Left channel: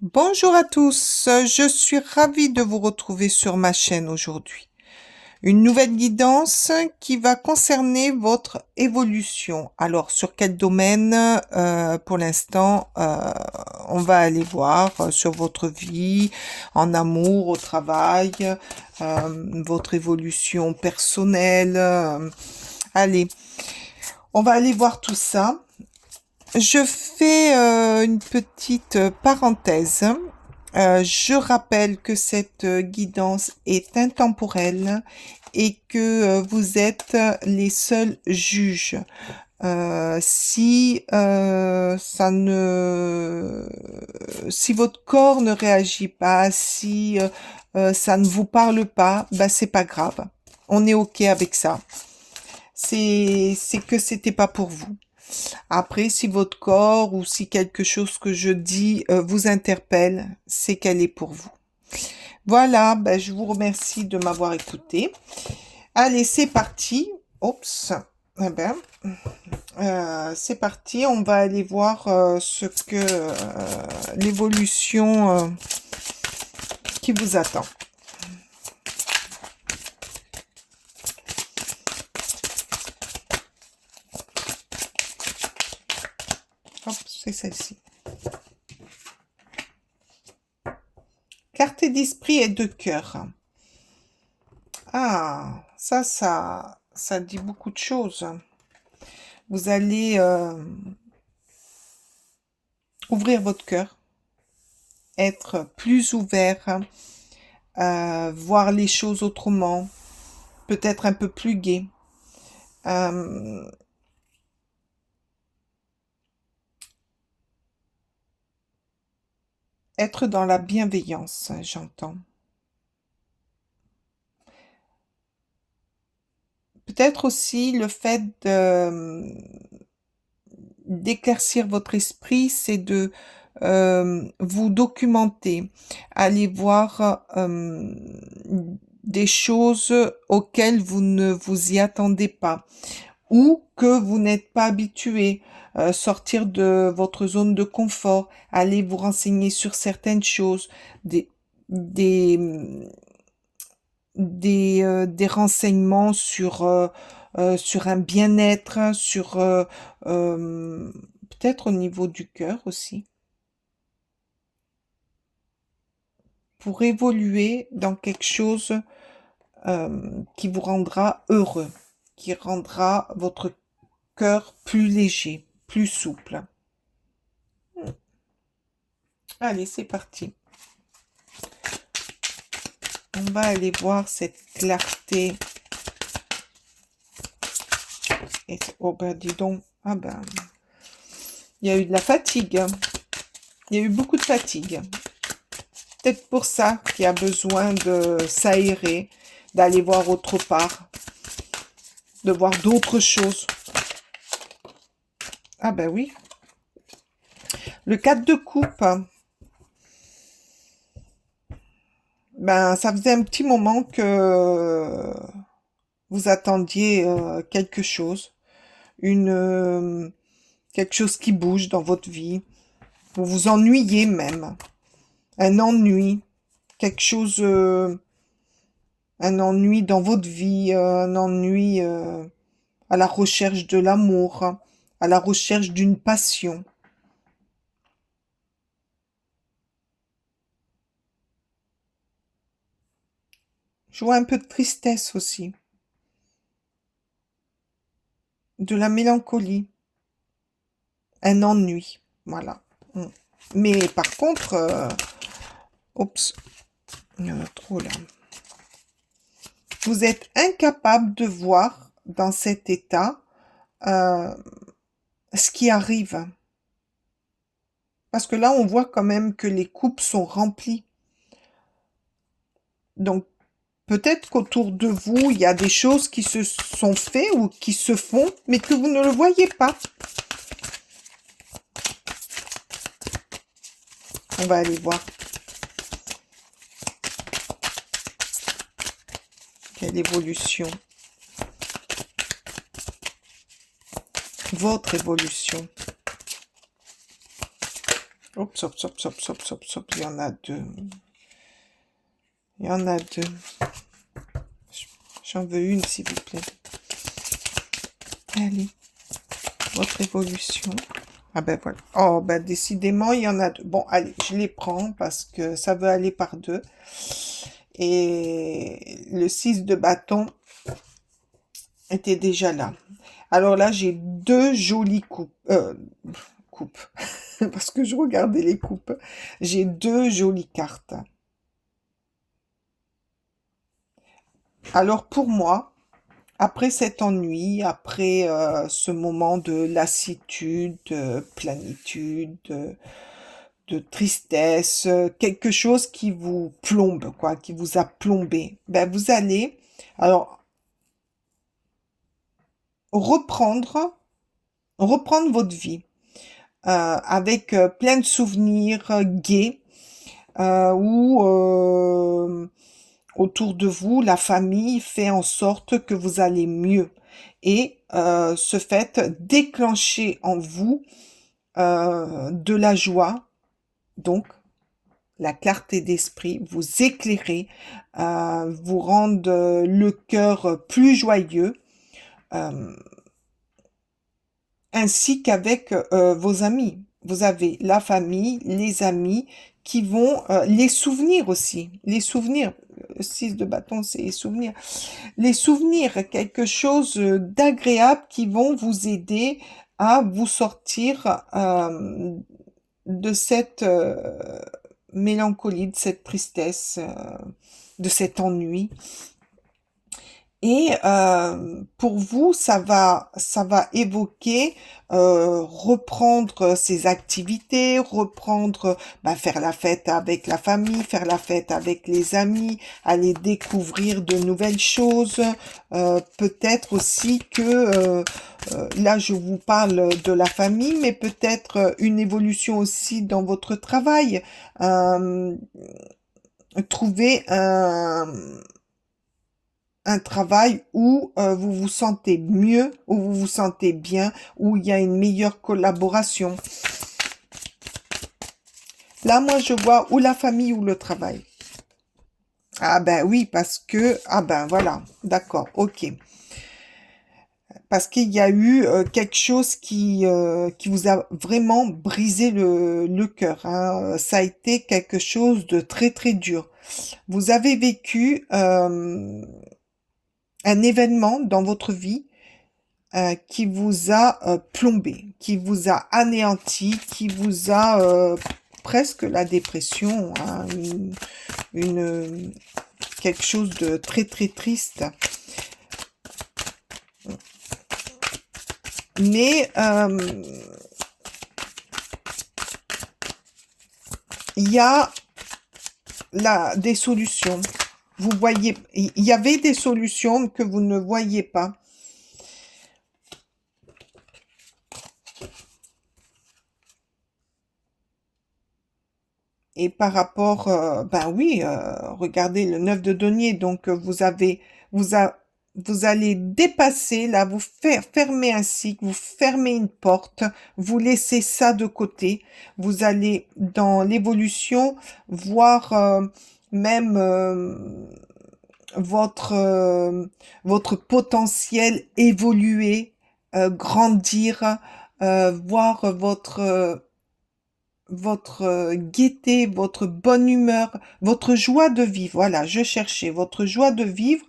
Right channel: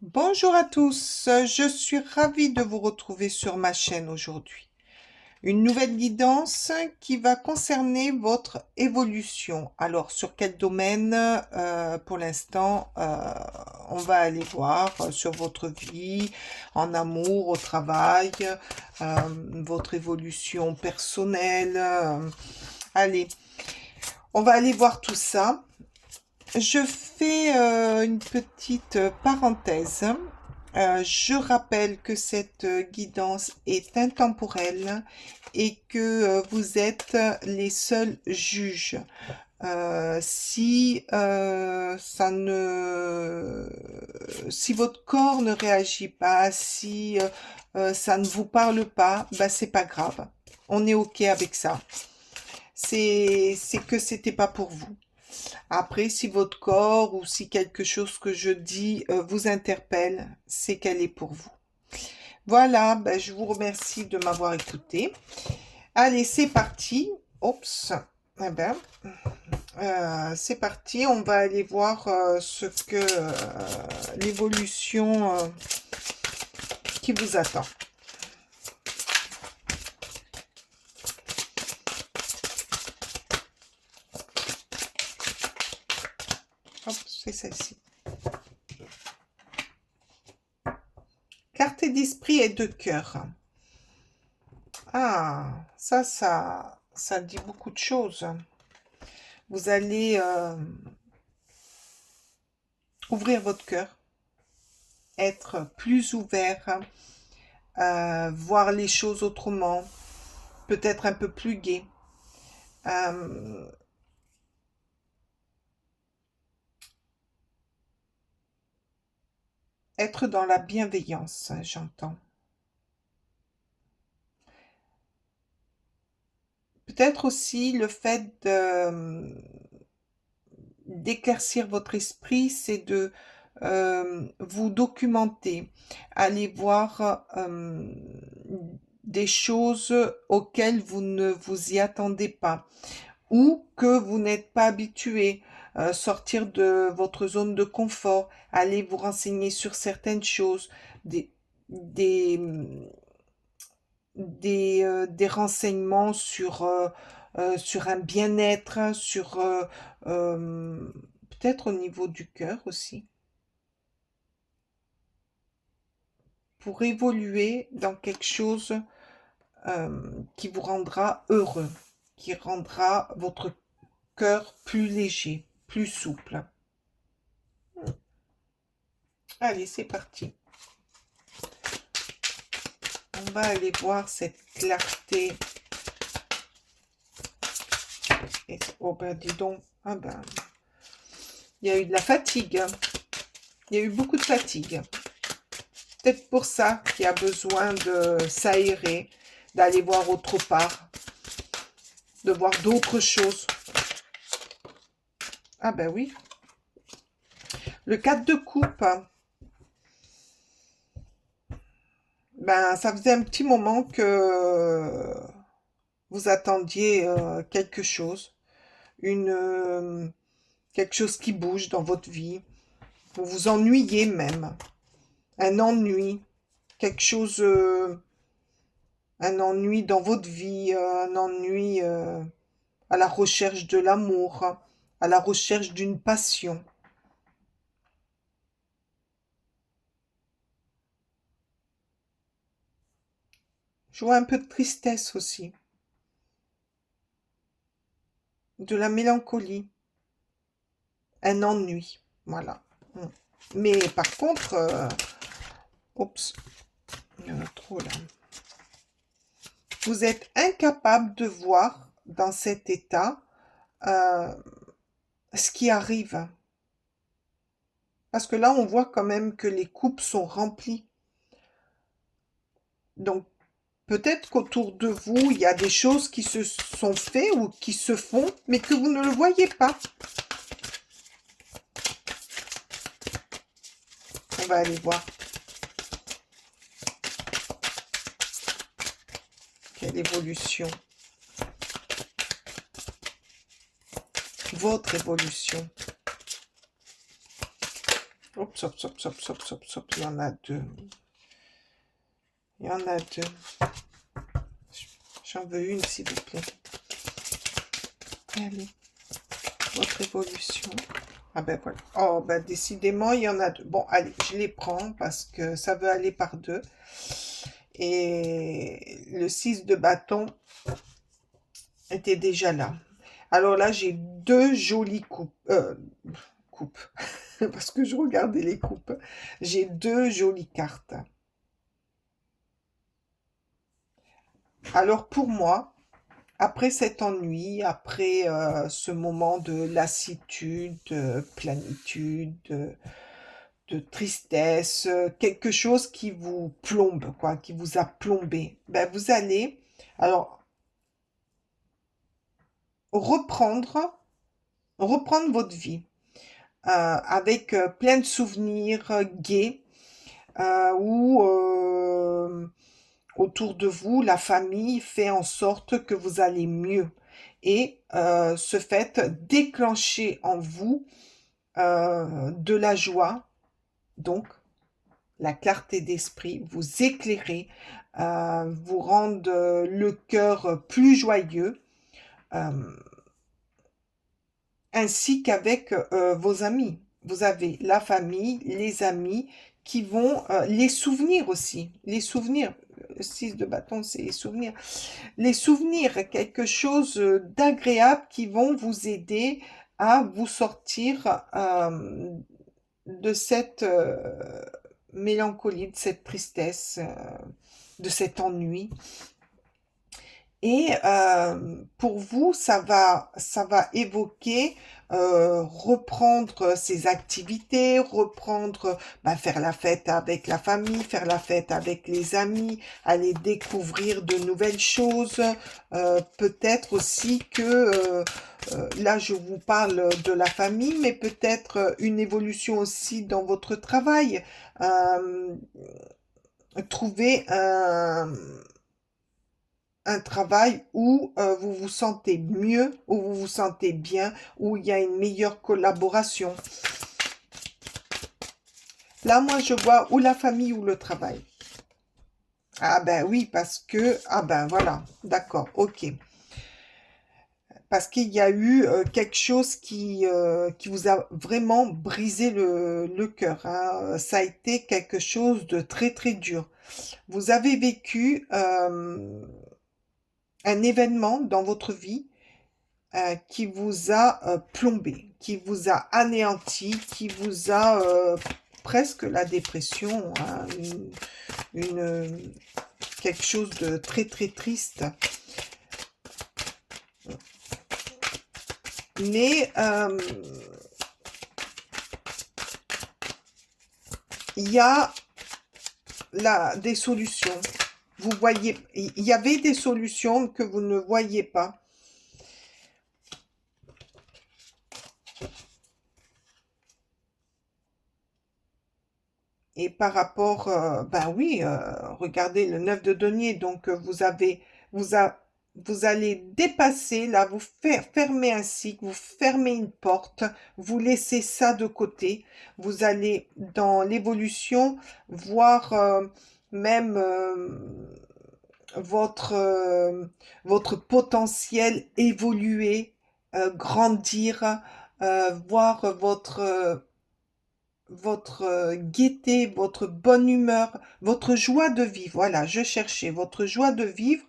Bonjour à tous, je suis ravie de vous retrouver sur ma chaîne aujourd'hui. Une nouvelle guidance qui va concerner votre évolution. Alors, sur quel domaine pour l'instant on va aller voir sur votre vie, en amour, au travail, votre évolution personnelle. Allez, on va aller voir tout ça. Je fais une petite parenthèse. Je rappelle que cette guidance est intemporelle et que vous êtes les seuls juges. Si votre corps ne réagit pas, si ça ne vous parle pas, bah c'est pas grave. On est OK avec ça. C'est que c'était pas pour vous. Après, si votre corps ou si quelque chose que je dis vous interpelle, c'est qu'elle est pour vous. Voilà, ben, je vous remercie de m'avoir écouté. Allez, c'est parti. Oups. Eh ben, c'est parti. On va aller voir ce que l'évolution qui vous attend. Hop, c'est celle-ci. Carte d'esprit et de cœur. Ah, ça dit beaucoup de choses. Vous allez ouvrir votre cœur, être plus ouvert, voir les choses autrement, peut-être un peu plus gai. Être dans la bienveillance, j'entends. Peut-être aussi le fait d'éclaircir votre esprit, c'est de vous documenter, aller voir des choses auxquelles vous ne vous y attendez pas ou que vous n'êtes pas habitué. Sortir de votre zone de confort, aller vous renseigner sur certaines choses, des, des, des renseignements sur un bien-être, peut-être au niveau du cœur aussi, pour évoluer dans quelque chose qui vous rendra heureux, qui rendra votre cœur plus léger, plus souple. Allez, c'est parti. On va aller voir cette clarté. Et, oh ben, dis donc. Ah ben, il y a eu de la fatigue. Il y a eu beaucoup de fatigue. Peut-être pour ça qu'il y a besoin de s'aérer, d'aller voir autre part, de voir d'autres choses. Ah ben oui. Le 4 de coupe. Ben, ça faisait un petit moment que vous attendiez quelque chose. Quelque chose qui bouge dans votre vie. Vous vous ennuyez même. Un ennui. Quelque chose... un ennui dans votre vie. Un ennui à la recherche de l'amour. À la recherche d'une passion. Je vois un peu de tristesse aussi. De la mélancolie. Un ennui. Voilà. Mais par contre... oups. Il y en a trop là. Vous êtes incapable de voir dans cet état ce qui arrive. Parce que là, on voit quand même que les coupes sont remplies. Donc, peut-être qu'autour de vous, il y a des choses qui se sont faites ou qui se font, mais que vous ne le voyez pas. On va aller voir. Quelle évolution. Votre évolution. Oups, oups, oups, oups, oups, oups, oups, il y en a deux. Il y en a deux. J'en veux une, s'il vous plaît. Allez, votre évolution. Ah ben voilà. Oh, ben décidément, il y en a deux. Bon, allez, je les prends parce que ça veut aller par deux. Et le 6 de bâton était déjà là. Alors là, j'ai deux jolies coupes. Coupes. Parce que je regardais les coupes. J'ai deux jolies cartes. Alors pour moi, après cet ennui, après ce moment de lassitude, de plénitude, de tristesse, quelque chose qui vous plombe, quoi, qui vous a plombé, ben vous allez alors reprendre votre vie avec plein de souvenirs gays où autour de vous, la famille fait en sorte que vous allez mieux. Et ce fait déclencher en vous de la joie, donc la clarté d'esprit, vous éclairer, vous rendre le cœur plus joyeux, euh, ainsi qu'avec vos amis. Vous avez la famille, les amis qui vont, les souvenirs aussi, les souvenirs, 6 de bâton, c'est les souvenirs. Les souvenirs, quelque chose d'agréable qui vont vous aider à vous sortir de cette mélancolie, de cette tristesse, de cet ennui. Et pour vous, ça va évoquer reprendre ses activités, reprendre, faire la fête avec la famille, faire la fête avec les amis, aller découvrir de nouvelles choses. Peut-être aussi que, là je vous parle de la famille, mais peut-être une évolution aussi dans votre travail. Euh, Trouver un travail où vous vous sentez mieux, où vous vous sentez bien, où il y a une meilleure collaboration. Là, moi, je vois ou la famille ou le travail. Ah ben oui, parce que... Ah ben voilà, d'accord, ok. Parce qu'il y a eu quelque chose qui vous a vraiment brisé le cœur, hein. Ça a été quelque chose de très, très dur. Vous avez vécu un événement dans votre vie qui vous a plombé, qui vous a anéanti, qui vous a presque la dépression, hein, quelque chose de très très triste. Mais il y a des solutions. Vous voyez, il y avait des solutions que vous ne voyez pas. Et par rapport, ben oui, regardez le 9 de denier, donc vous allez dépasser, là, vous faire fermer un cycle, vous fermez une porte, vous laissez ça de côté, vous allez dans l'évolution voir même votre potentiel évoluer, grandir, voir votre gaieté, votre bonne humeur, votre joie de vivre. Voilà, je cherchais votre joie de vivre,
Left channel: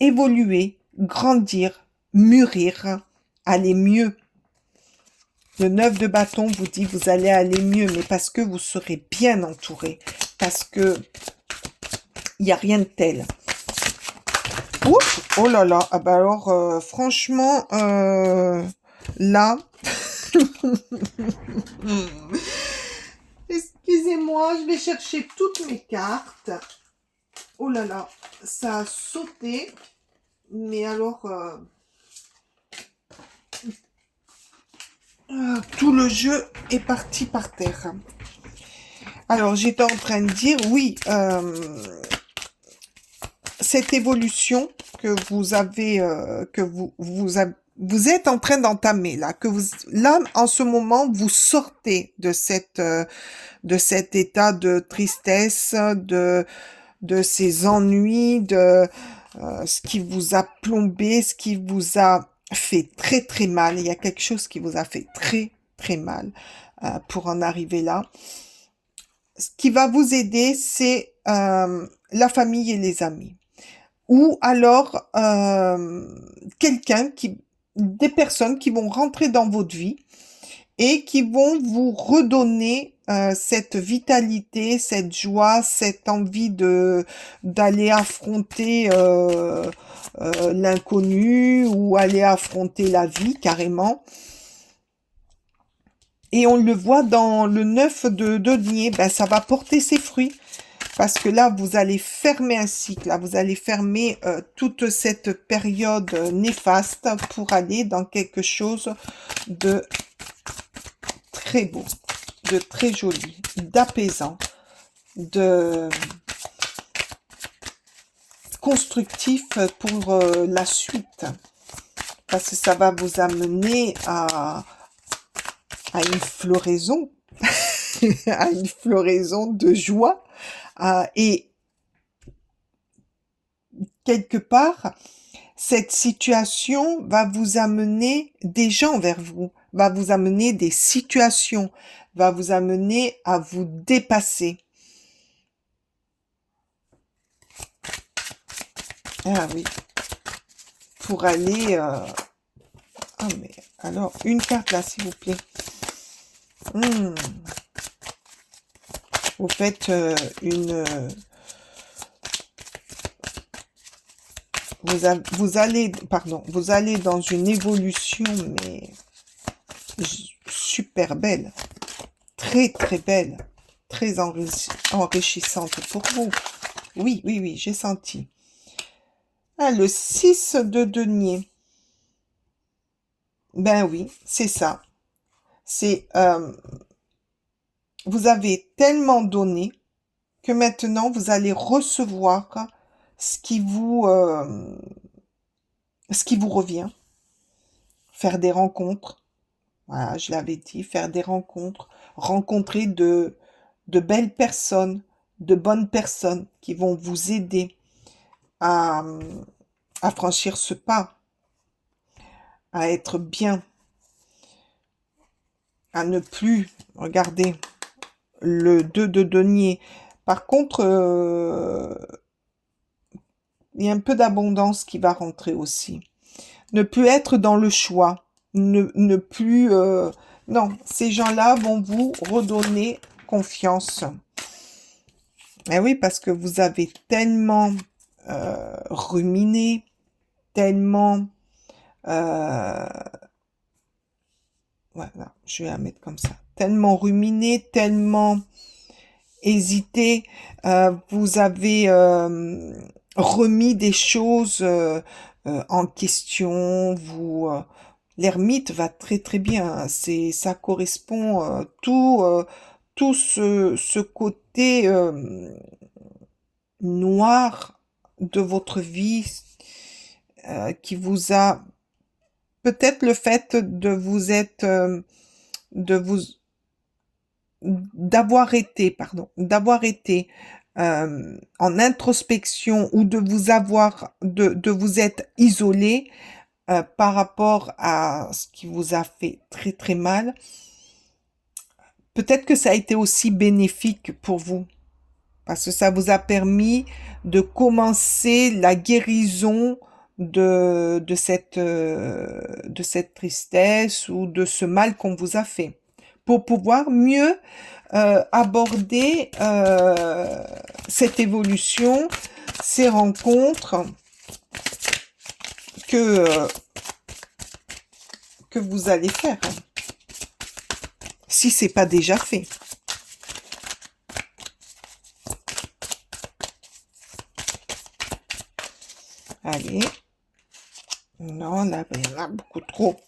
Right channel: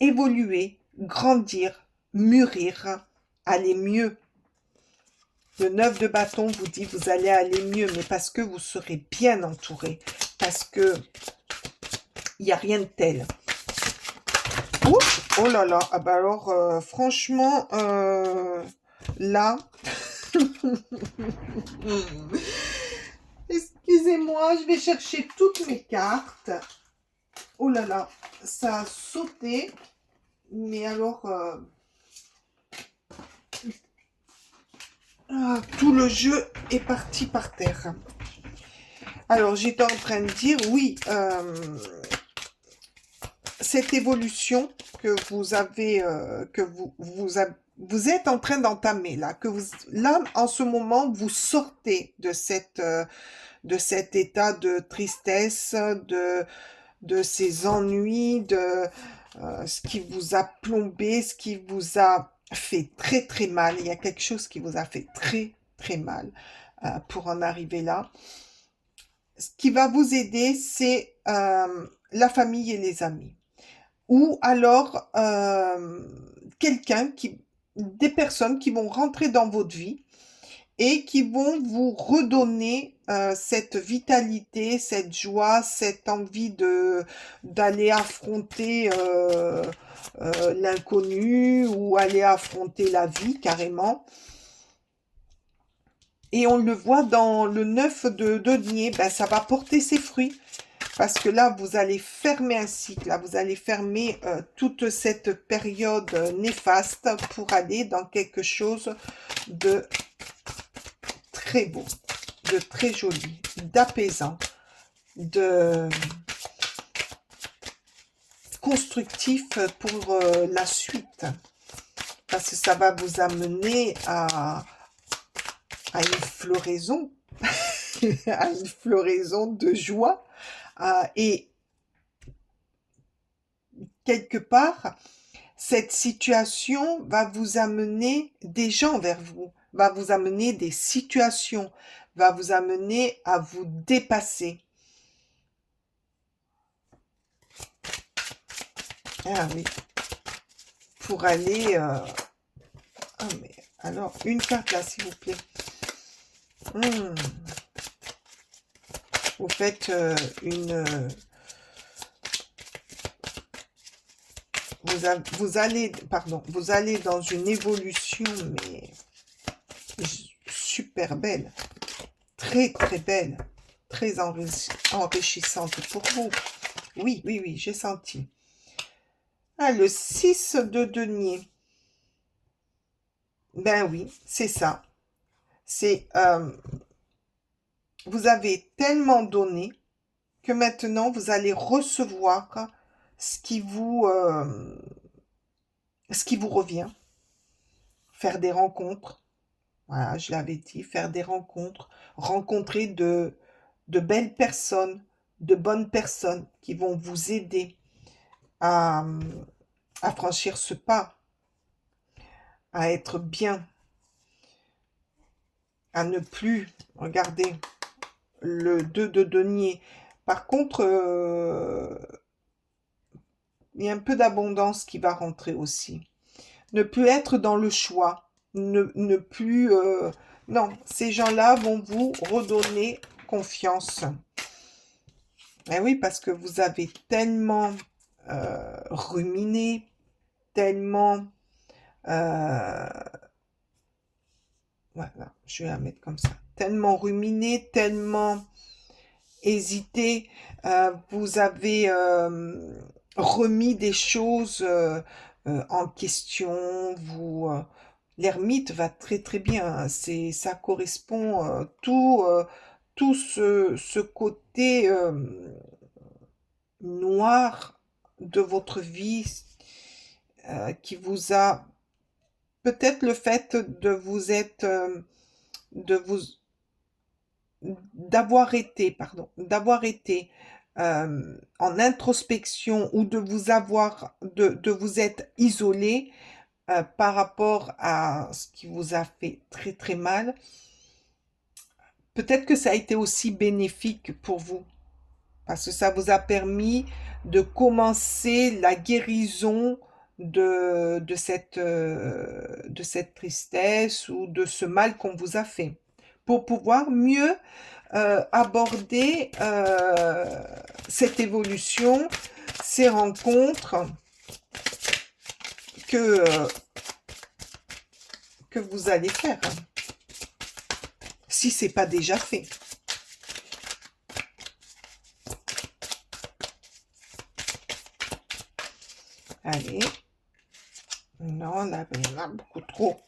évoluer, grandir, mûrir, aller mieux. Le 9 de bâton vous dit vous allez aller mieux, mais parce que vous serez bien entouré, parce que il n'y a rien de tel. Ouh, oh là là, ah bah alors franchement, là... Excusez-moi, je vais chercher toutes mes cartes. Oh là là, ça a sauté. Mais alors, tout le jeu est parti par terre. Alors, j'étais en train de dire, oui, cette évolution que vous avez, vous êtes en train d'entamer, là, là, en ce moment, vous sortez de cet état de tristesse, de ces ennuis, de ce qui vous a plombé, ce qui vous a fait très très mal. Il y a quelque chose qui vous a fait très très mal pour en arriver là. Ce qui va vous aider, c'est la famille et les amis. Ou alors des personnes qui vont rentrer dans votre vie et qui vont vous redonner cette vitalité, cette joie, cette envie d'aller affronter l'inconnu ou aller affronter la vie carrément. Et on le voit dans le 9 de denier, ben, ça va porter ses fruits. Parce que là, vous allez fermer un cycle, là, vous allez fermer toute cette période néfaste pour aller dans quelque chose de très beau, de très joli, d'apaisant, de constructif pour la suite. Parce que ça va vous amener à une floraison, à une floraison de joie. Et quelque part, cette situation va vous amener des gens vers vous, va vous amener des situations, va vous amener à vous dépasser. Ah oui, pour aller... Ah mais alors, une carte là, s'il vous plaît. Vous faites vous allez dans une évolution, mais super belle, très très belle, très enrichissante pour vous. Oui, oui, oui, j'ai senti. Ah, le 6 de denier. Ben oui, c'est ça. C'est vous avez tellement donné que maintenant vous allez recevoir ce qui vous revient. Faire des rencontres. Voilà, je l'avais dit, faire des rencontres, rencontrer de belles personnes, de bonnes personnes qui vont vous aider à franchir ce pas, à être bien, à ne plus regarder le 2 de denier. Par contre, il y a un peu d'abondance qui va rentrer aussi. Ne plus être dans le choix. Ne plus... non, ces gens-là vont vous redonner confiance. Eh oui, parce que vous avez tellement ruminé, tellement... voilà, je vais la mettre comme ça. Tellement ruminé, tellement hésité. Vous avez remis des choses en question. L'ermite va très très bien. Ça correspond tout ce côté noir de votre vie qui vous a peut-être le fait de vous être d'avoir été en introspection ou de vous être isolé par rapport à ce qui vous a fait très très mal. Peut-être que ça a été aussi bénéfique pour vous parce que ça vous a permis de commencer la guérison de cette tristesse ou de ce mal qu'on vous a fait pour pouvoir mieux aborder cette évolution, ces rencontres que vous allez faire, si c'est pas déjà fait. Allez. Non, là, il y en a beaucoup trop.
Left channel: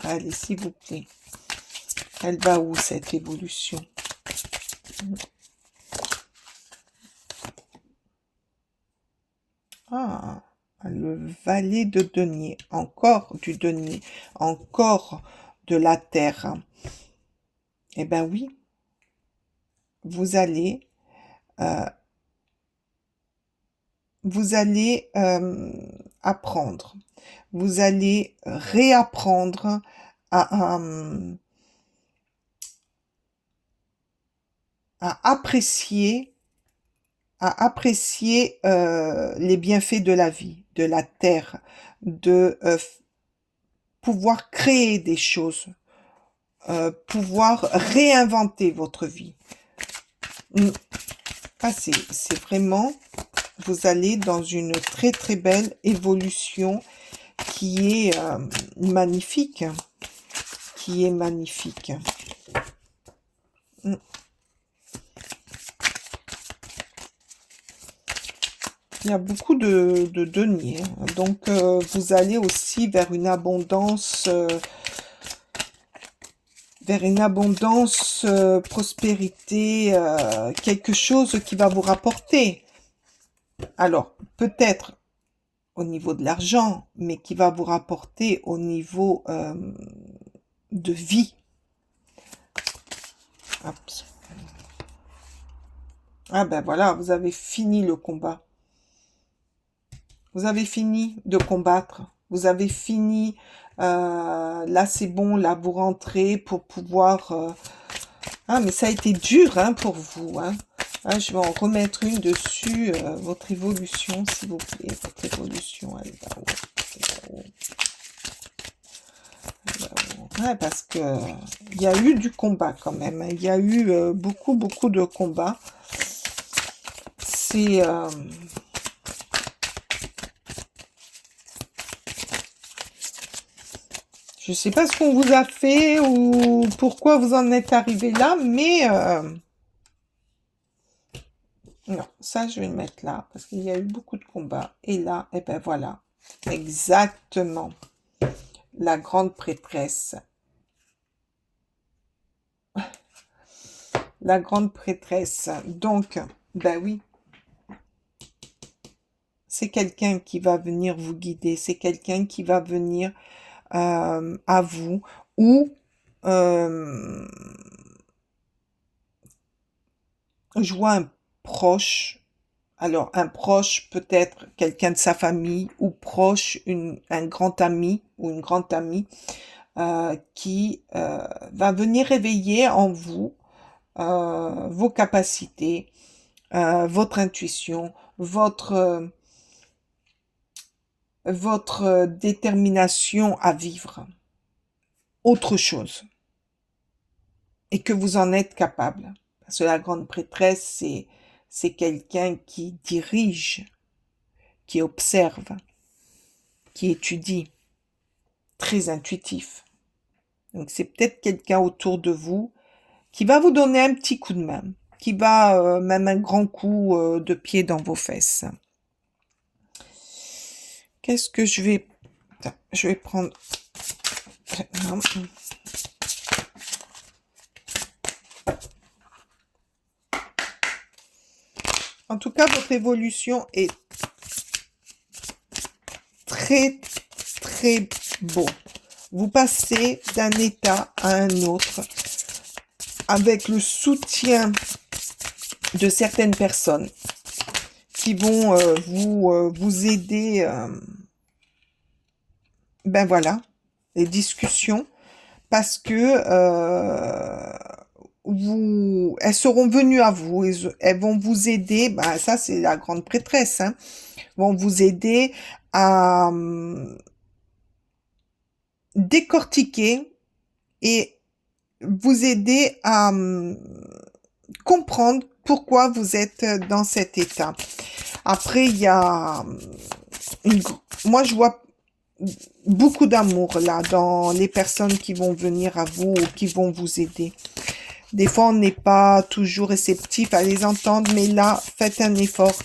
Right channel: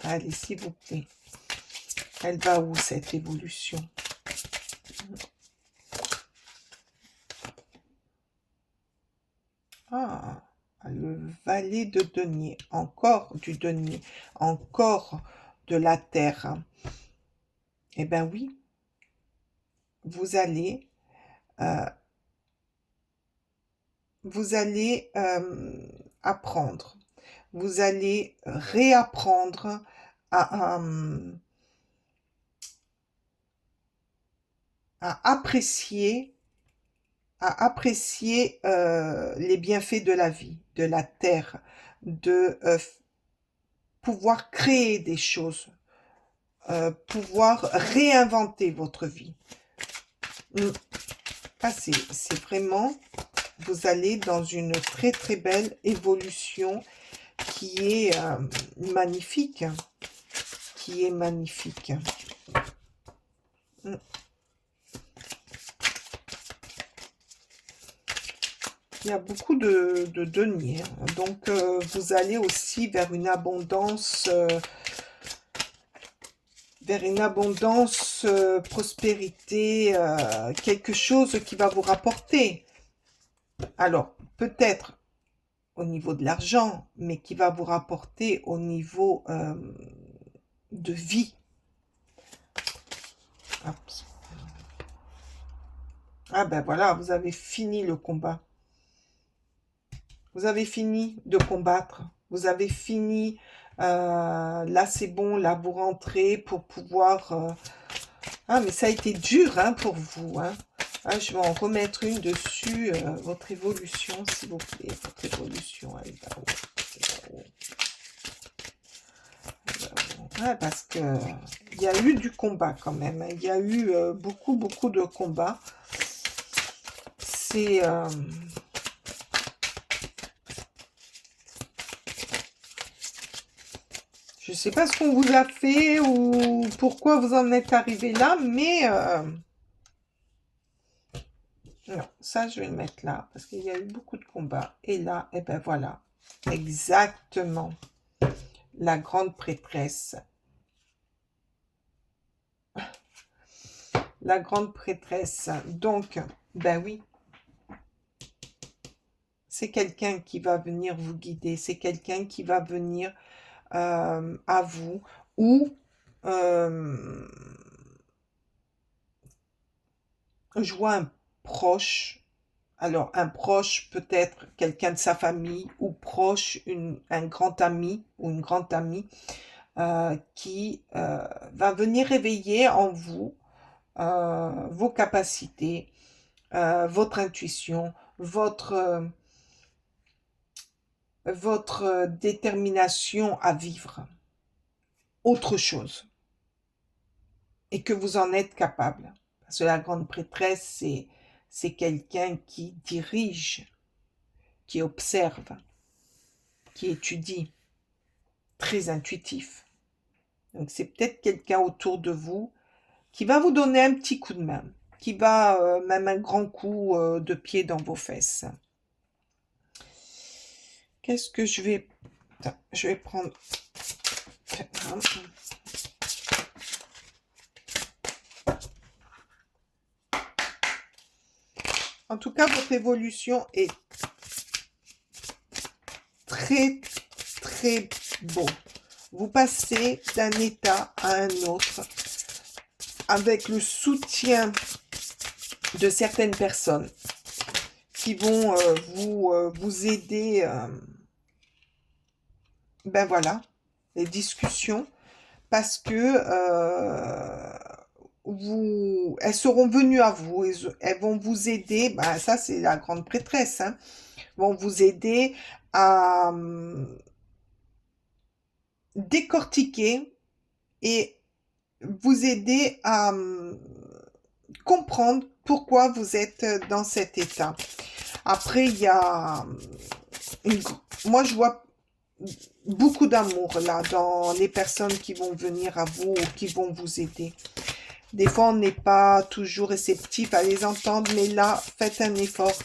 Allez, s'il vous plaît. Elle va où, cette évolution? Ah, le valet de denier. Encore du denier. Encore de la terre. Eh bien oui, vous allez apprendre. Vous allez réapprendre à, à apprécier, les bienfaits de la vie, de la terre, de pouvoir créer des choses, pouvoir réinventer votre vie. Ah, c'est vraiment, vous allez dans une très très belle évolution qui est magnifique, qui est magnifique. Il y a beaucoup de deniers, donc vous allez aussi vers une abondance, prospérité, quelque chose qui va vous rapporter. Alors, peut-être au niveau de l'argent, mais qui va vous rapporter au niveau de vie. Oups. Ah ben voilà, vous avez fini le combat. Vous avez fini de combattre. Vous avez fini. Là, c'est bon. Là, vous rentrez pour pouvoir... Ah, mais ça a été dur hein, pour vous. Hein. Ah, je vais en remettre une dessus. Votre évolution, s'il vous plaît. Votre évolution, elle est là-haut. Ouais, parce que il y a eu du combat quand même. Il y a eu beaucoup de combats. C'est... je ne sais pas ce qu'on vous a fait ou pourquoi vous en êtes arrivé là, mais... non, ça, je vais le mettre là, parce qu'il y a eu beaucoup de combats. Et là, eh ben voilà, exactement, la grande prêtresse. La grande prêtresse. Donc, ben oui, c'est quelqu'un qui va venir vous guider, c'est quelqu'un qui va venir à vous, ou je vois un proche. Alors, un proche, peut-être quelqu'un de sa famille, ou proche, un grand ami ou une grande amie, qui va venir réveiller en vous vos capacités, votre intuition, votre détermination à vivre autre chose, et que vous en êtes capable. Parce que la grande prêtresse, c'est quelqu'un qui dirige, qui observe, qui étudie, très intuitif. Donc c'est peut-être quelqu'un autour de vous qui va vous donner un petit coup de main, qui va même un grand coup de pied dans vos fesses. Qu'est-ce que je vais... Je vais prendre... En tout cas, votre évolution est très, très beau. Vous passez d'un état à un autre avec le soutien de certaines personnes qui vont vous aider. Ben voilà, les discussions, parce que elles seront venues à vous, elles vont vous aider. Ben ça, c'est la grande prêtresse, hein, vont vous aider à décortiquer et vous aider à comprendre pourquoi vous êtes dans cet état. Après, il y a... moi, je vois beaucoup d'amour là dans les personnes qui vont venir à vous ou qui vont vous aider. Des fois, on n'est pas toujours réceptif à les entendre, mais là, faites un effort.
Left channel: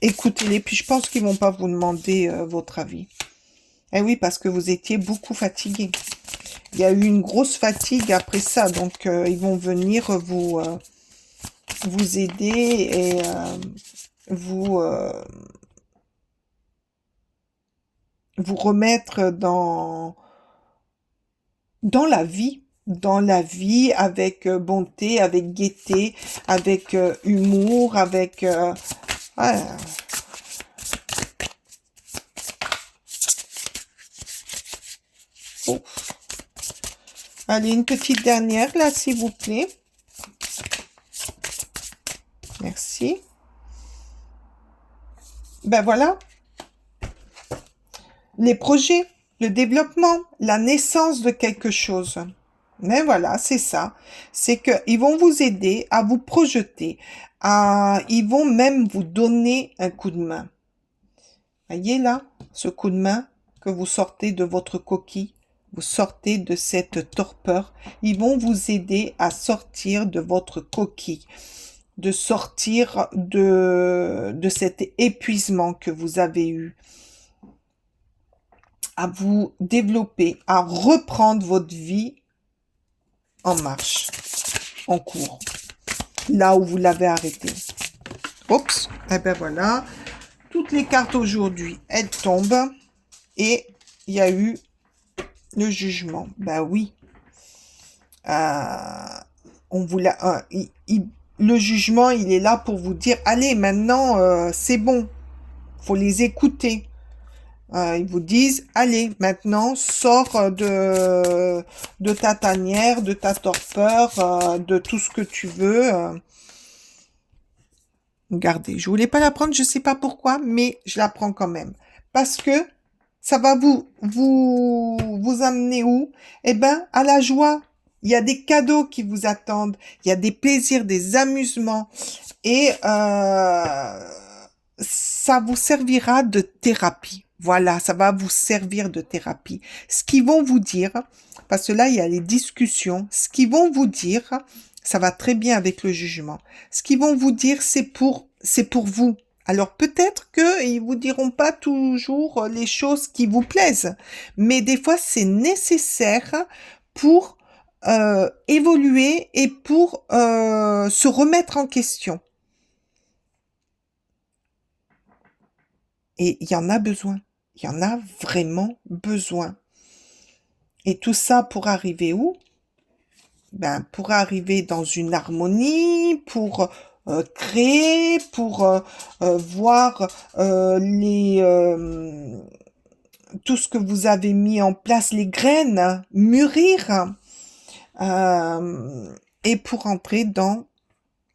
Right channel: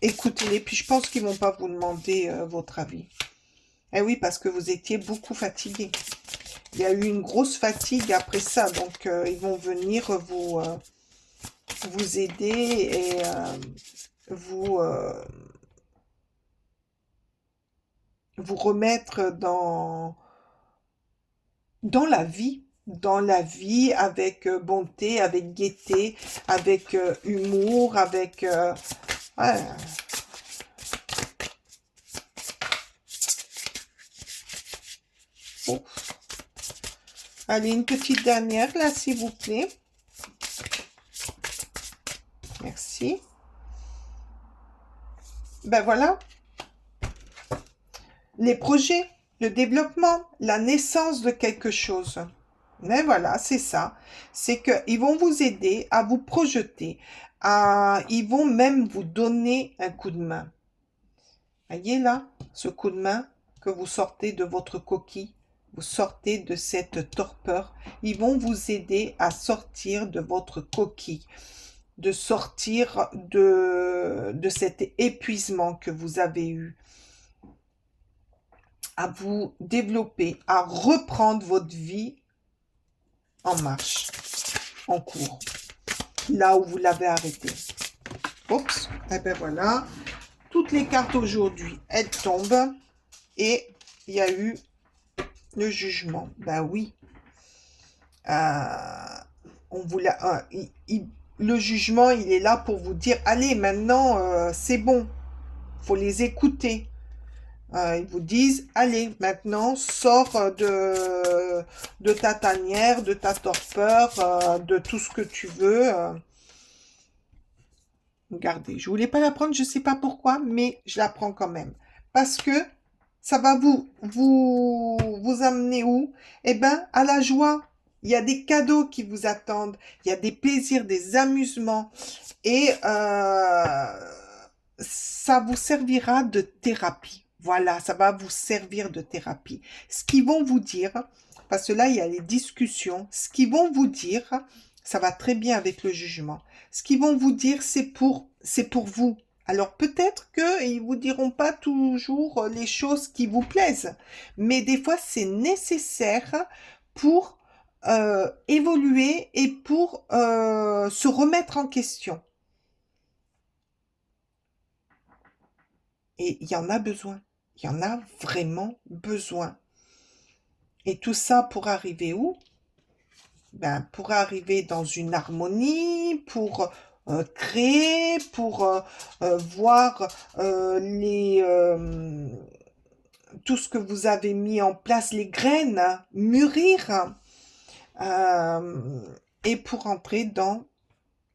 Écoutez-les, puis je pense qu'ils ne vont pas vous demander votre avis. Eh oui, parce que vous étiez beaucoup fatigué. Il y a eu une grosse fatigue après ça, donc ils vont venir vous aider et vous vous remettre dans la vie avec bonté, avec gaieté, avec humour, avec... ouais. Oh. Allez, une petite dernière là, s'il vous plaît. Merci. Ben voilà. Les projets, le développement, la naissance de quelque chose. Mais voilà, c'est ça. C'est qu'ils vont vous aider à vous projeter. Ils vont même vous donner un coup de main. Voyez là, ce coup de main que vous sortez de votre coquille. Vous sortez de cette torpeur. Ils vont vous aider à sortir de votre coquille. De sortir de cet épuisement que vous avez eu. À vous développer, à reprendre votre vie en marche, en cours, là où vous l'avez arrêté. Oups, et ben voilà, toutes les cartes aujourd'hui, elles tombent, et il y a eu le jugement. Ben oui, on vous l'a, le jugement, il est là pour vous dire, allez, maintenant, c'est bon, faut les écouter. Ils vous disent, allez, maintenant, sors de ta tanière, de ta torpeur, de tout ce que tu veux. Regardez, je voulais pas la prendre, je sais pas pourquoi, mais je la prends quand même. Parce que ça va vous amener où? Eh ben, à la joie. Il y a des cadeaux qui vous attendent. Il y a des plaisirs, des amusements. Et ça vous servira de thérapie. Voilà, ça va vous servir de thérapie. Ce qu'ils vont vous dire, parce que là, il y a les discussions, ce qu'ils vont vous dire, ça va très bien avec le jugement. Ce qu'ils vont vous dire, c'est pour vous. Alors peut-être qu'ils ne vous diront pas toujours les choses qui vous plaisent, mais des fois, c'est nécessaire pour évoluer et pour se remettre en question. Et il y en a besoin. Il y en a vraiment besoin. Et tout ça pour arriver où? Ben, pour arriver dans une harmonie, pour créer, pour voir tout ce que vous avez mis en place, les graines, mûrir, et pour entrer dans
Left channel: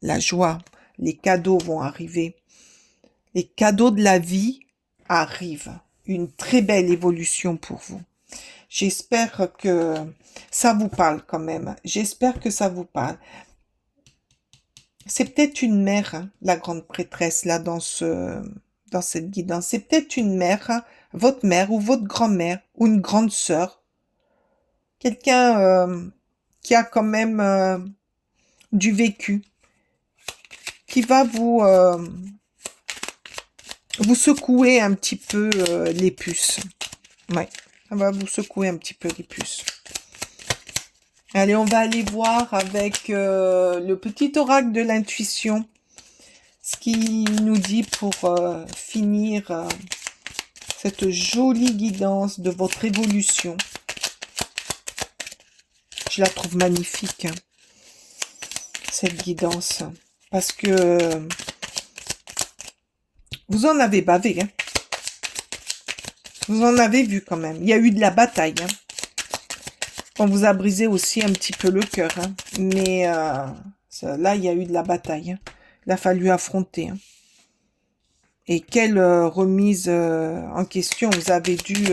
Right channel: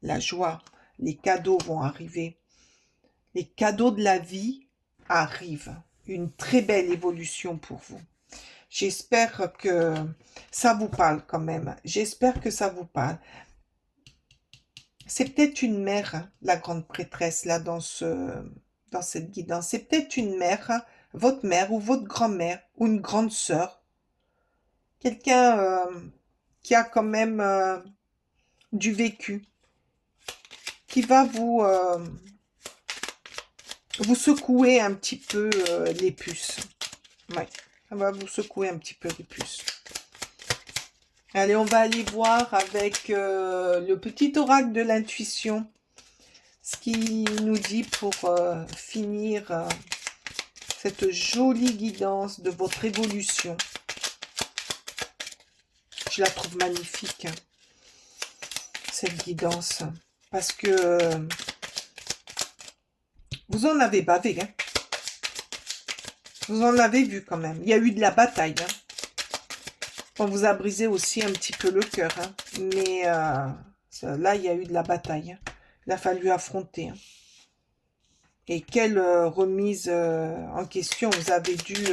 la joie. Les cadeaux vont arriver. Les cadeaux de la vie arrivent. Une très belle évolution pour vous. J'espère que ça vous parle quand même. J'espère que ça vous parle. C'est peut-être une mère, hein, la grande prêtresse, là, dans cette guidance. C'est peut-être une mère, hein, votre mère ou votre grand-mère ou une grande sœur. Quelqu'un qui a quand même du vécu, qui va vous secouer un petit peu les puces. Ouais, ça va vous secouer un petit peu les puces. Allez, on va aller voir avec le petit oracle de l'intuition, ce qu'il nous dit pour finir cette jolie guidance de votre évolution. Je la trouve magnifique, hein, cette guidance, parce que vous en avez bavé, hein. Vous en avez vu quand même. Il y a eu de la bataille, hein. On vous a brisé aussi un petit peu le cœur, hein. Mais là, il y a eu de la bataille, hein. Il a fallu affronter, hein. Et quelle remise en question. Vous avez dû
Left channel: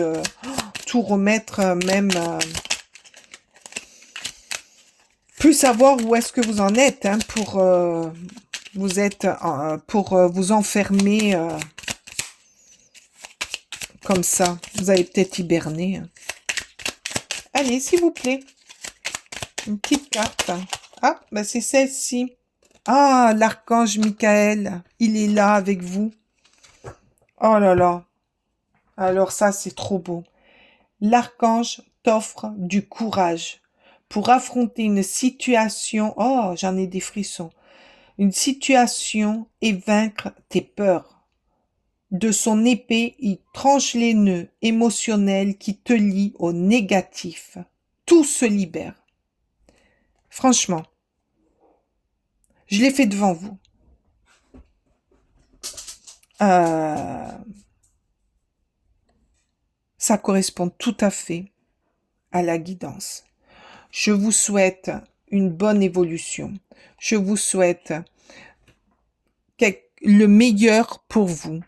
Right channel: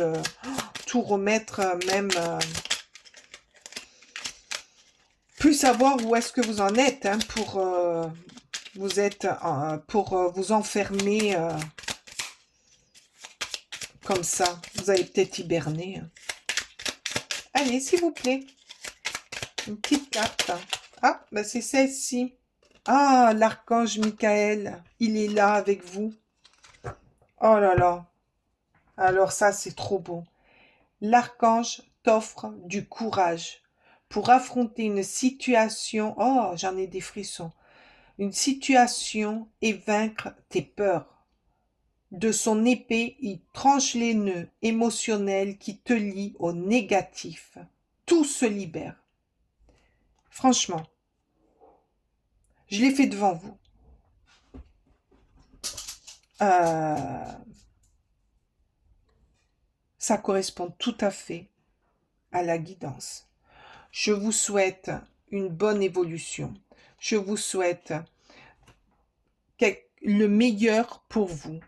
tout remettre, même plus savoir où est-ce que vous en êtes, hein, pour vous enfermer comme ça. Vous avez peut-être hiberné, hein. Allez, s'il vous plaît. Une petite carte. Ah, ben c'est celle-ci. Ah, l'archange Michael. Il est là avec vous. Oh là là. Alors ça, c'est trop beau. L'archange t'offre du courage pour affronter une situation. Oh, j'en ai des frissons. Une situation et vaincre tes peurs. de son épée, il tranche les nœuds émotionnels qui te lient au négatif. Tout se libère. Franchement, je l'ai fait devant vous. Ça correspond tout à fait à la guidance. Je vous souhaite une bonne évolution. Je vous souhaite le meilleur pour vous.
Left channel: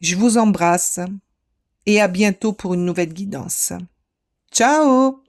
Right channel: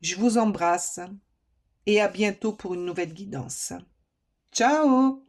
Je vous embrasse et à bientôt pour une nouvelle guidance. Ciao!